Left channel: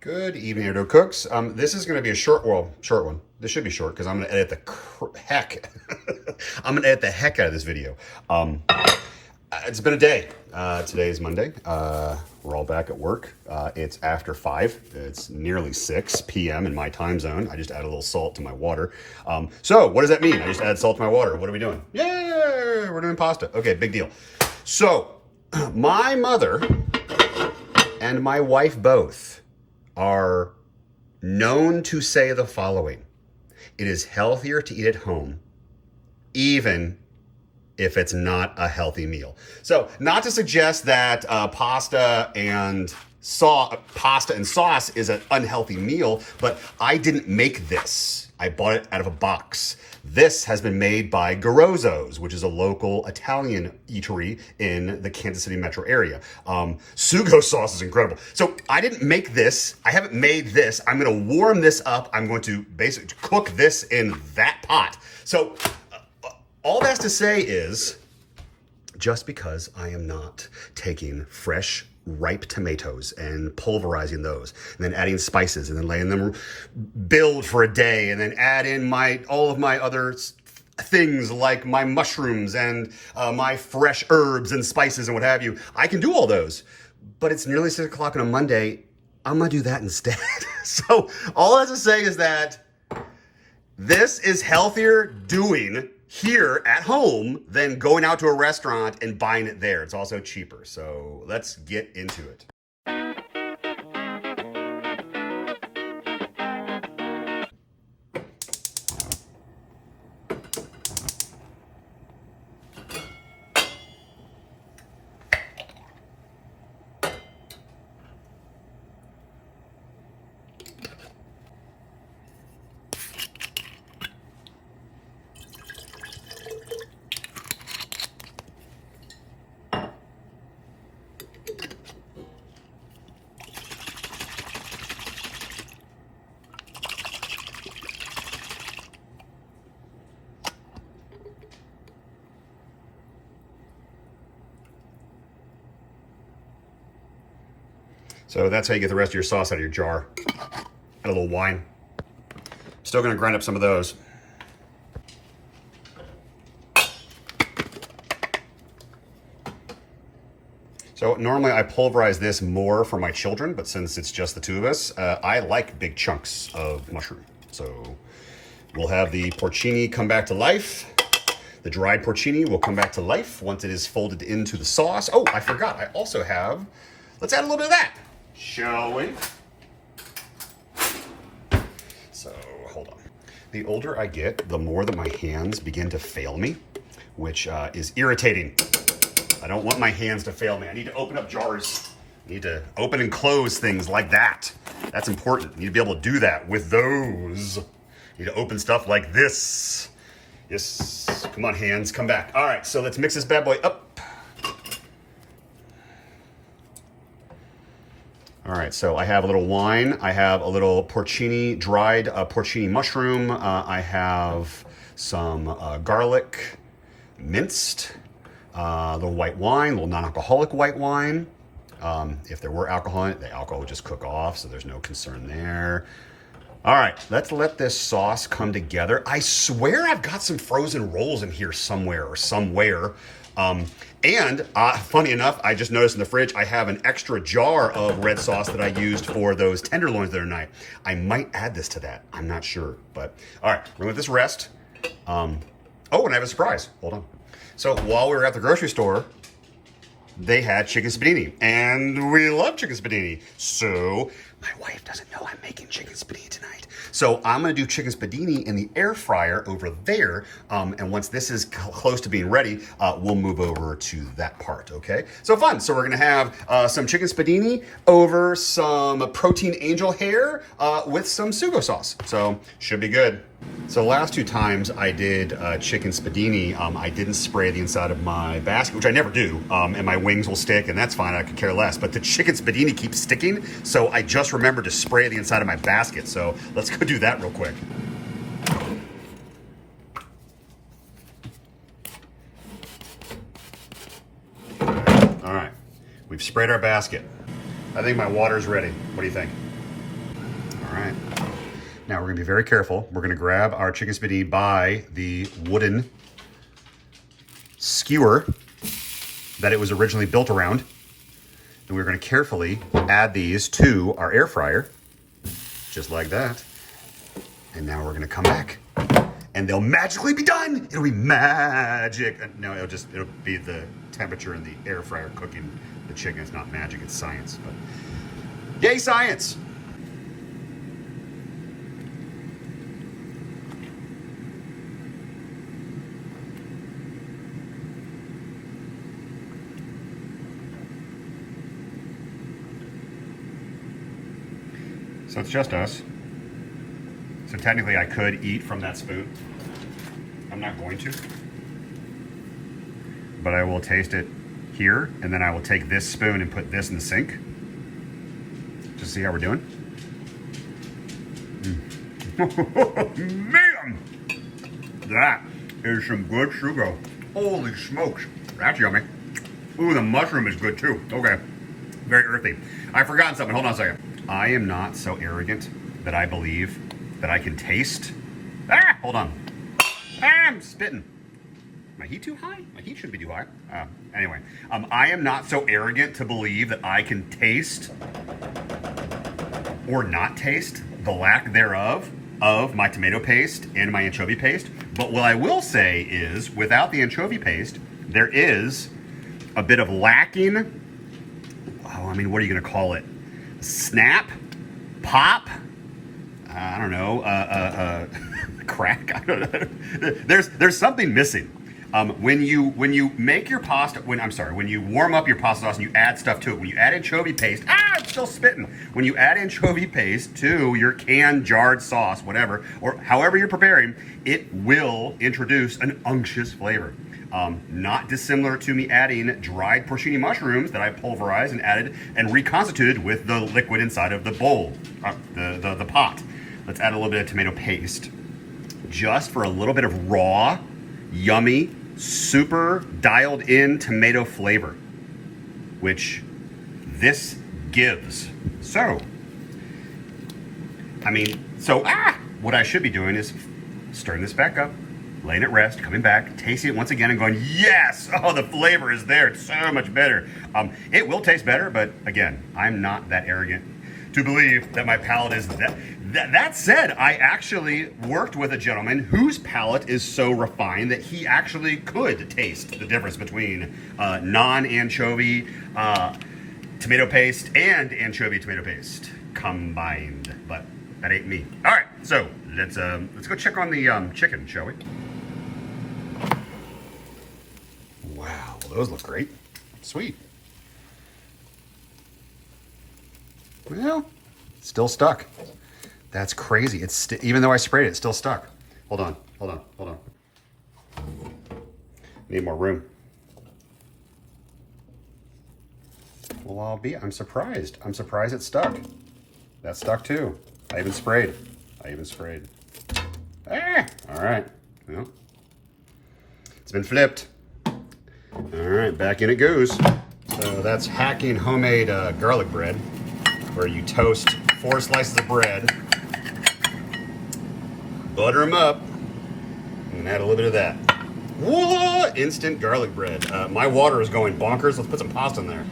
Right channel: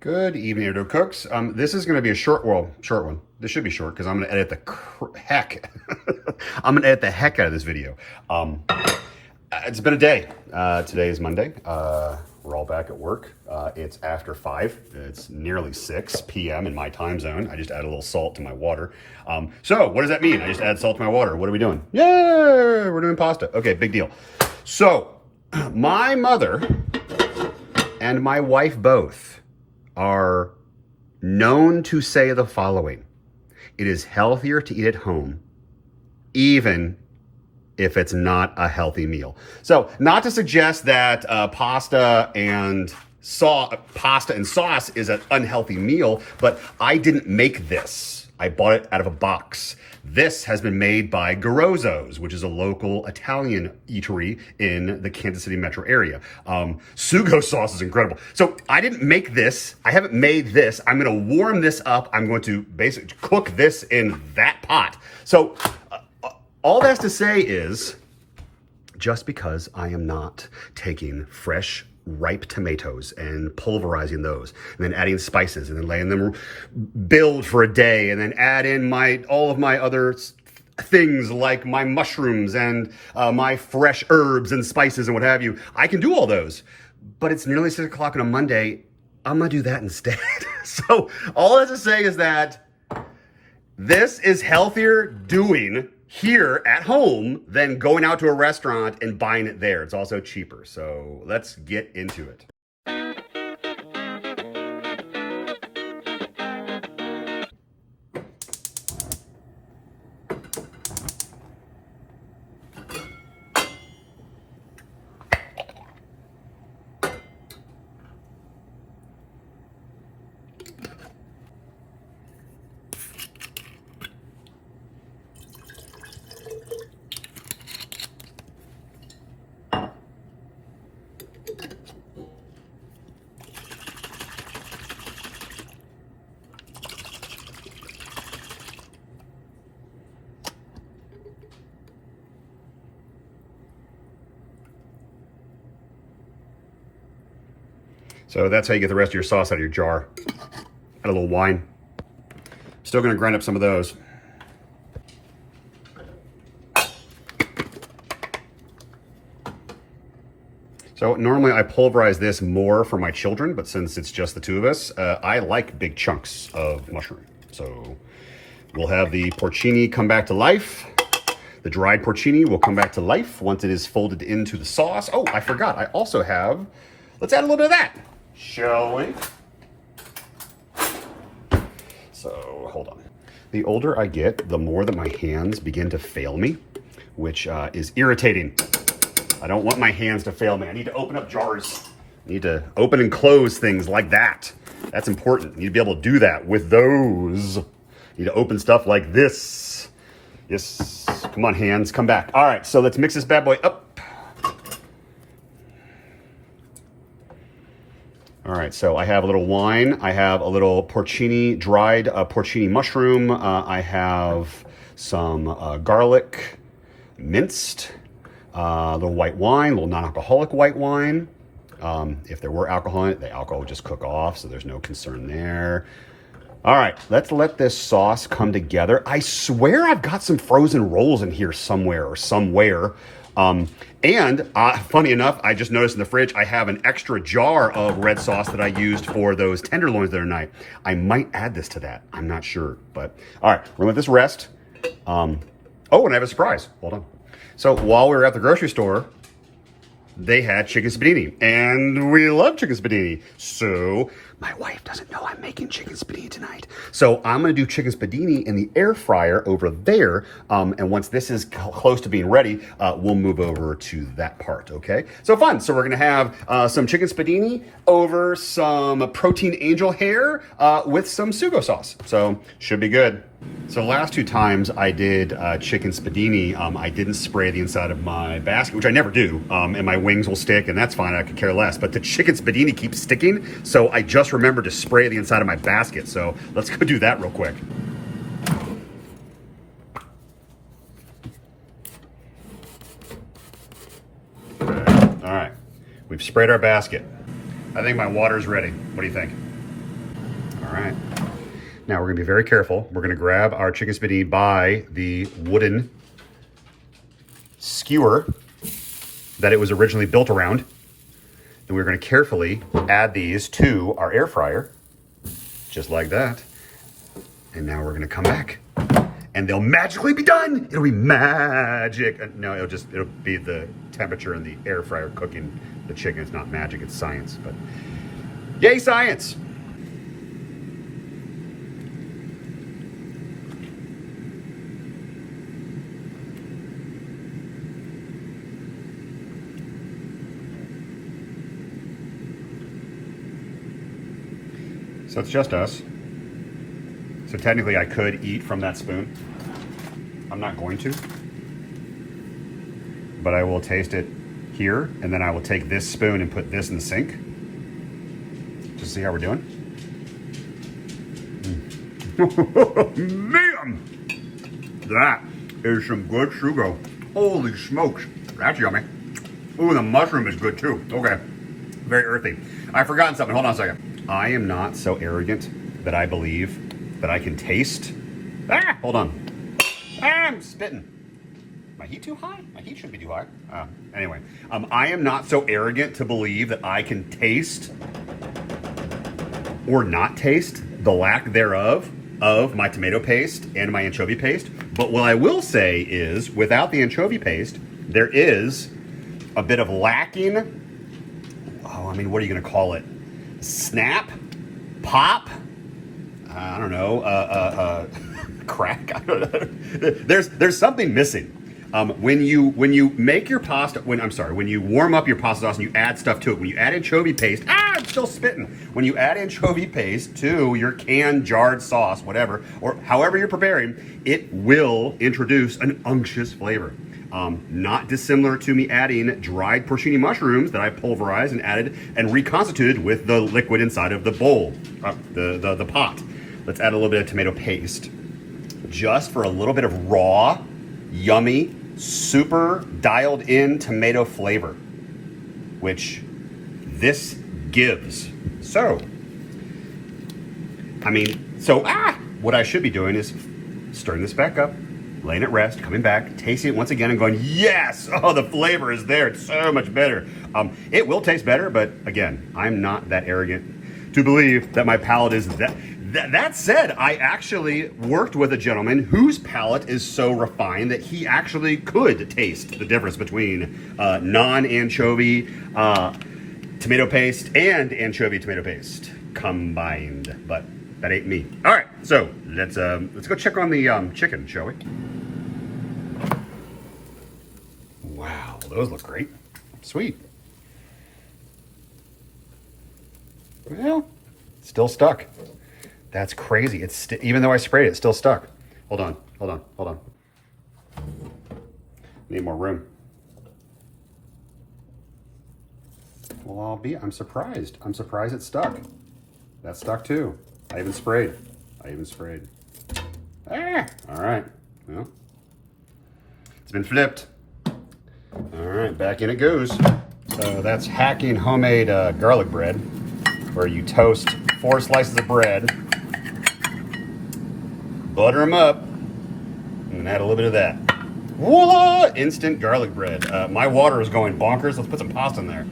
Good evening, Doak cooks. This is going to be a short one. This should be short because I'm going to edit the heck. I'm going to edit the heck out of this video. It's been a day. Today is Monday. We're all back at work. It's after 5. It's nearly 6 p.m. in my time zone. I just added a little salt to my water. So what does that mean? I just added salt to my water. What are we doing? Yeah, we're doing pasta. Okay, big deal. So my mother and my wife both are known to say the following: it is healthier to eat at home, even if it's not a healthy meal. So not to suggest that pasta and sauce is an unhealthy meal, but I didn't make this. I bought it out of a box. This has been made by Garozzo's, which is a local Italian eatery in the Kansas City metro area. Sugo sauce is incredible. So I didn't make this. I haven't made this. I'm going to warm this up. I'm going to basically cook this in that pot. So all that's to say is, just because I am not taking fresh, ripe tomatoes and pulverizing those, and then adding spices, and then letting them build for a day, and then add in all of my other things like my mushrooms and my fresh herbs and spices and what have you. I can do all those, but it's nearly 6 o'clock on a Monday. I'm gonna do that instead. So all that's to say is that this is healthier doing here at home than going out to a restaurant and buying it there. It's also cheaper. So let's get into it. So that's how you get the rest of your sauce out of your jar. Add a little wine. Still gonna grind up some of those. So normally I pulverize this more for my children, but since it's just the two of us, I like big chunks of mushroom. So we'll have the porcini come back to life. The dried porcini will come back to life once it is folded into the sauce. Oh, I forgot, I also have, let's add a little bit of that. Shall we? So, hold on. The older I get, the more that my hands begin to fail me, which is irritating. I don't want my hands to fail me. I need to open up jars. I need to open and close things like that. That's important. You need to be able to do that with those. You need to open stuff like this. Yes, come on hands, come back. All right, so let's mix this bad boy up. All right, so I have a little wine. I have a little porcini, dried porcini mushroom. I have some garlic minced, a little white wine, a little non-alcoholic white wine. If there were alcohol in it, the alcohol would just cook off, so there's no concern there. All right, let's let this sauce come together. I swear I've got some frozen rolls in here somewhere. Funny enough, I just noticed in the fridge, I have an extra jar of red sauce that I used for those tenderloins the other night. I might add this to that. I'm not sure, but all right, we're gonna let this rest. Oh, and I have a surprise. Hold on. So while we were at the grocery store, they had chicken spiedini, and we love chicken spiedini. So my wife doesn't know I'm making chicken spiedini tonight. So I'm gonna do chicken spiedini in the air fryer over there. And once this is close to being ready, we'll move over to that part, okay? So fun, so we're gonna have some chicken spiedini over some protein angel hair with some sugo sauce. So should be good. So the last 2 times I did chicken spiedini, I didn't spray the inside of my basket, which I never do, and my wings will stick, and that's fine, I could care less. But the chicken spiedini keeps sticking, so I just remembered to spray the inside of my basket. So let's go do that real quick. All right, we've sprayed our basket. I think my water's ready. What do you think? All right. Now we're gonna be very careful. We're gonna grab our chicken spiedini by the wooden skewer that it was originally built around. And we're gonna carefully add these to our air fryer, just like that. And now we're gonna come back and they'll magically be done. It'll be magic. No, it'll be the temperature in the air fryer cooking the chicken. It's not magic, it's science, but yay, science. So it's just us. So technically I could eat from that spoon. I'm not going to. But I will taste it here, and then I will take this spoon and put this in the sink. Just see how we're doing. Man! That is some good sugar. Holy smokes. That's yummy. Ooh, the mushroom is good too. Okay. Very earthy. I've forgotten something. Hold on a second. I am not so arrogant that I believe that I can taste. Hold on. I'm spitting. My heat too high? My heat shouldn't be too high. Anyway, I am not so arrogant to believe that I can taste or not taste the lack thereof of my tomato paste and my anchovy paste. But what I will say is, without the anchovy paste, there is a bit of lacking. Oh, I mean, what are you going to call it? Snap, pop, I don't know, crack. I don't know. There's something missing. When you make your pasta, when you warm up your pasta sauce and you add stuff to it, when you add anchovy paste, I'm still spitting. When you add anchovy paste to your canned jarred sauce, whatever, or however you're preparing, it will introduce an unctuous flavor. Not dissimilar to me adding dried porcini mushrooms that I pulverized and added and reconstituted with the liquid inside of the bowl, the pot. Let's add a little bit of tomato paste, just for a little bit of raw, yummy, super dialed in tomato flavor, which this gives. So, what I should be doing is stirring this back up, laying it rest, coming back, tasting it once again and going, yes, oh, the flavor is there. It's so much better. It will taste better, but again, I'm not that arrogant to believe that my palate is that. That said, I actually worked with a gentleman whose palate is so refined that he actually could taste the difference between non-anchovy tomato paste and anchovy tomato paste combined, but that ain't me. All right, so let's go check on the chicken, shall we? Wow, those look great. Sweet. Well, still stuck. That's crazy. It's even though I sprayed it, it's still stuck. Hold on. Need more room. Well, I'm surprised. I'm surprised it stuck. That stuck too. I even sprayed. All right. Well, it's been flipped. All right, back in it goes. So that's hacking homemade garlic bread, where you toast 4 slices of bread, butter them up, and add a little bit of that. Voila! Instant garlic bread. My water is going bonkers. Let's put some pasta in there.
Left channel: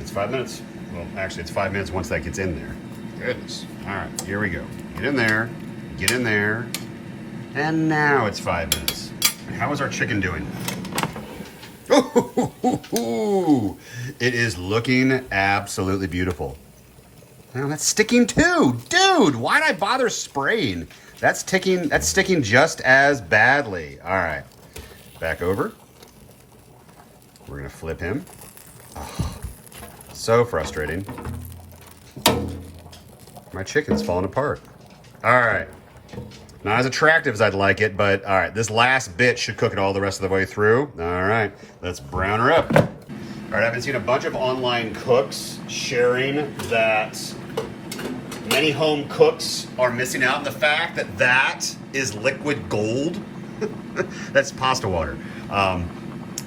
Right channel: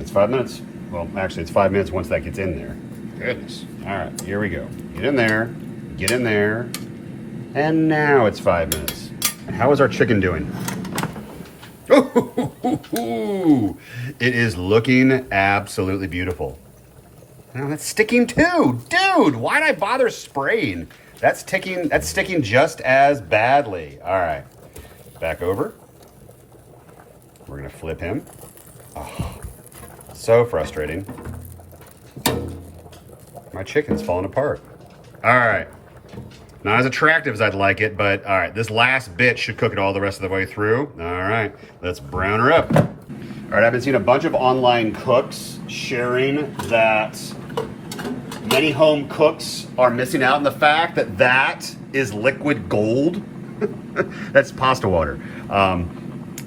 It's 5 minutes. Well, actually, it's 5 minutes once that gets in there. Goodness. All right, here we go. Get in there. Get in there. And now it's 5 minutes. How is our chicken doing? It is looking absolutely beautiful. Now that's sticking too. Dude, why'd I bother spraying? That's sticking just as badly. All right, back over. We're gonna flip him. Oh, so frustrating. My chicken's falling apart. All right. Not as attractive as I'd like it, but all right, this last bit should cook it all the rest of the way through. All right, let's brown her up. All right, I've been seeing a bunch of online cooks sharing that many home cooks are missing out on the fact that that is liquid gold. That's pasta water.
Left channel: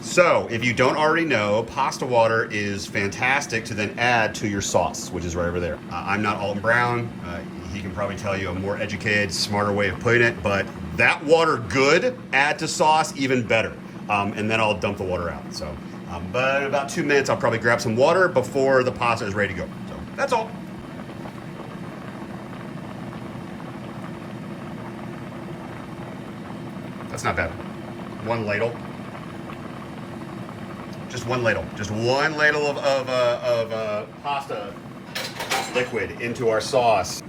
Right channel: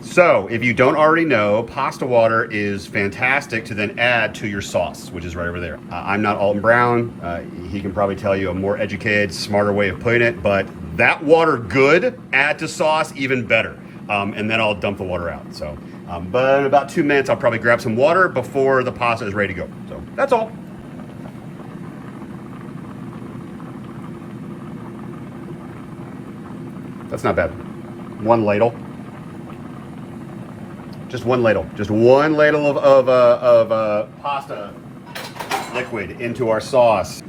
So if you don't already know, pasta water is fantastic to then add to your sauce, which is right over there. I'm not Alton Brown. He can probably tell you a more educated, smarter way of putting it, but that water good, add to sauce even better. And then I'll dump the water out. So, but in about 2 minutes, I'll probably grab some water before the pasta is ready to go. So that's all. That's not bad. 1 ladle. Just 1 ladle. Just 1 ladle of pasta liquid into our sauce.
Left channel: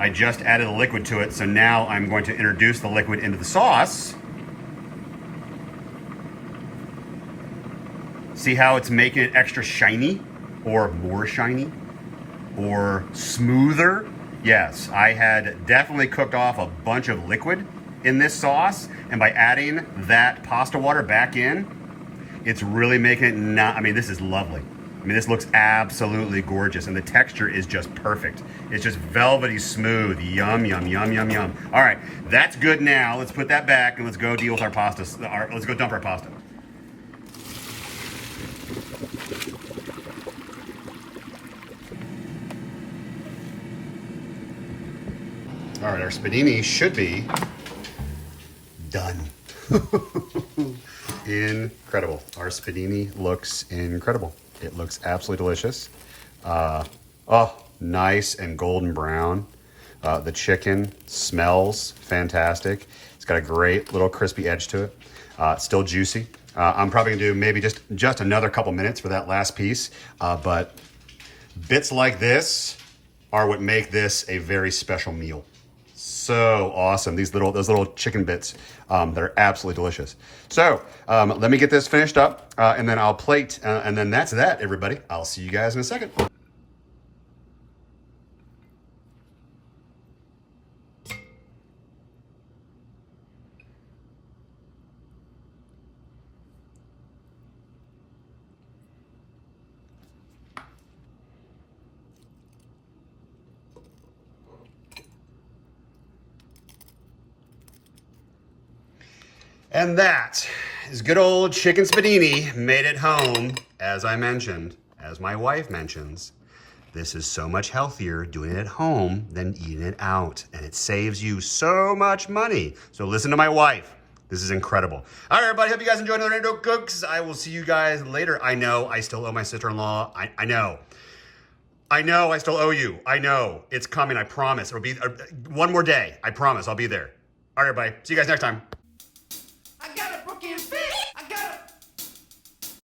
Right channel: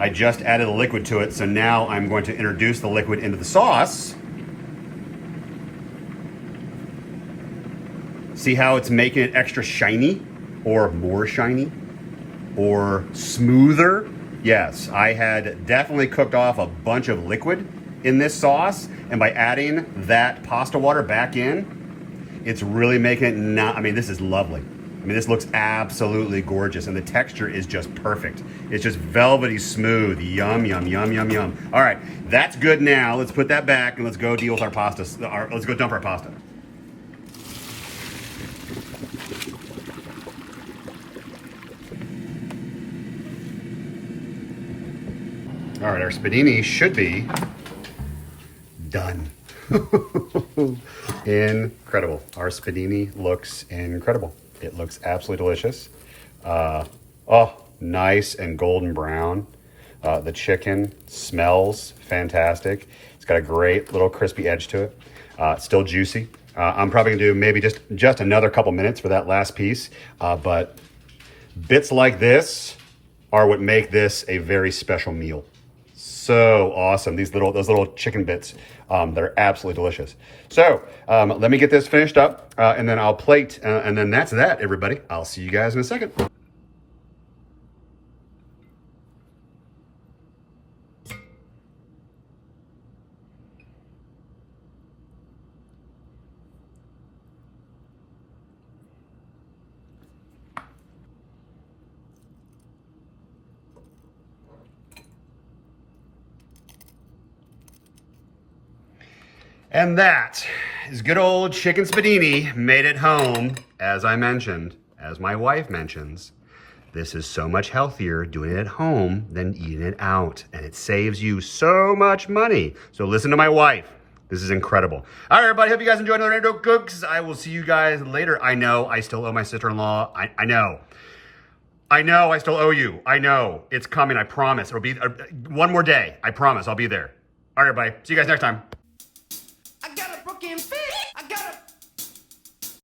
I just added the liquid to it, so now I'm going to introduce the liquid into the sauce. See how it's making it extra shiny, or more shiny, or smoother? Yes, I had definitely cooked off a bunch of liquid in this sauce, and by adding that pasta water back in, it's really making it not, I mean, this is lovely. I mean, this looks absolutely gorgeous, and the texture is just perfect. It's just velvety smooth. Yum, yum, yum, yum, yum. All right, that's good now. Let's put that back, and let's go deal with our pasta. Let's go dump our pasta. All right, our Spiedini should be done. Incredible. Our Spiedini looks incredible. It looks absolutely delicious. Oh, nice and golden brown. The chicken smells fantastic. It's got a great little crispy edge to it. Still juicy. I'm probably gonna do maybe just another couple minutes for that last piece. But bits like this are what make this a very special meal. So awesome. Those little chicken bits, they're absolutely delicious. So let me get this finished up and then I'll plate and then that's that, everybody. I'll see you guys in a second. And that is good old chicken Spiedini made at home, as I mentioned, as my wife mentions. This is so much healthier doing it at home than eating it out. And it saves you so much money. So listen to my wife. This is incredible. All right, everybody. Hope you guys enjoyed another Doak Cooks. I will see you guys later. I know I still owe my sister-in-law. I know. I know I still owe you. I know. It's coming. I promise. It'll be one more day. I promise. I'll be there. All right, everybody. See you guys next time. I got a broken fit. I got a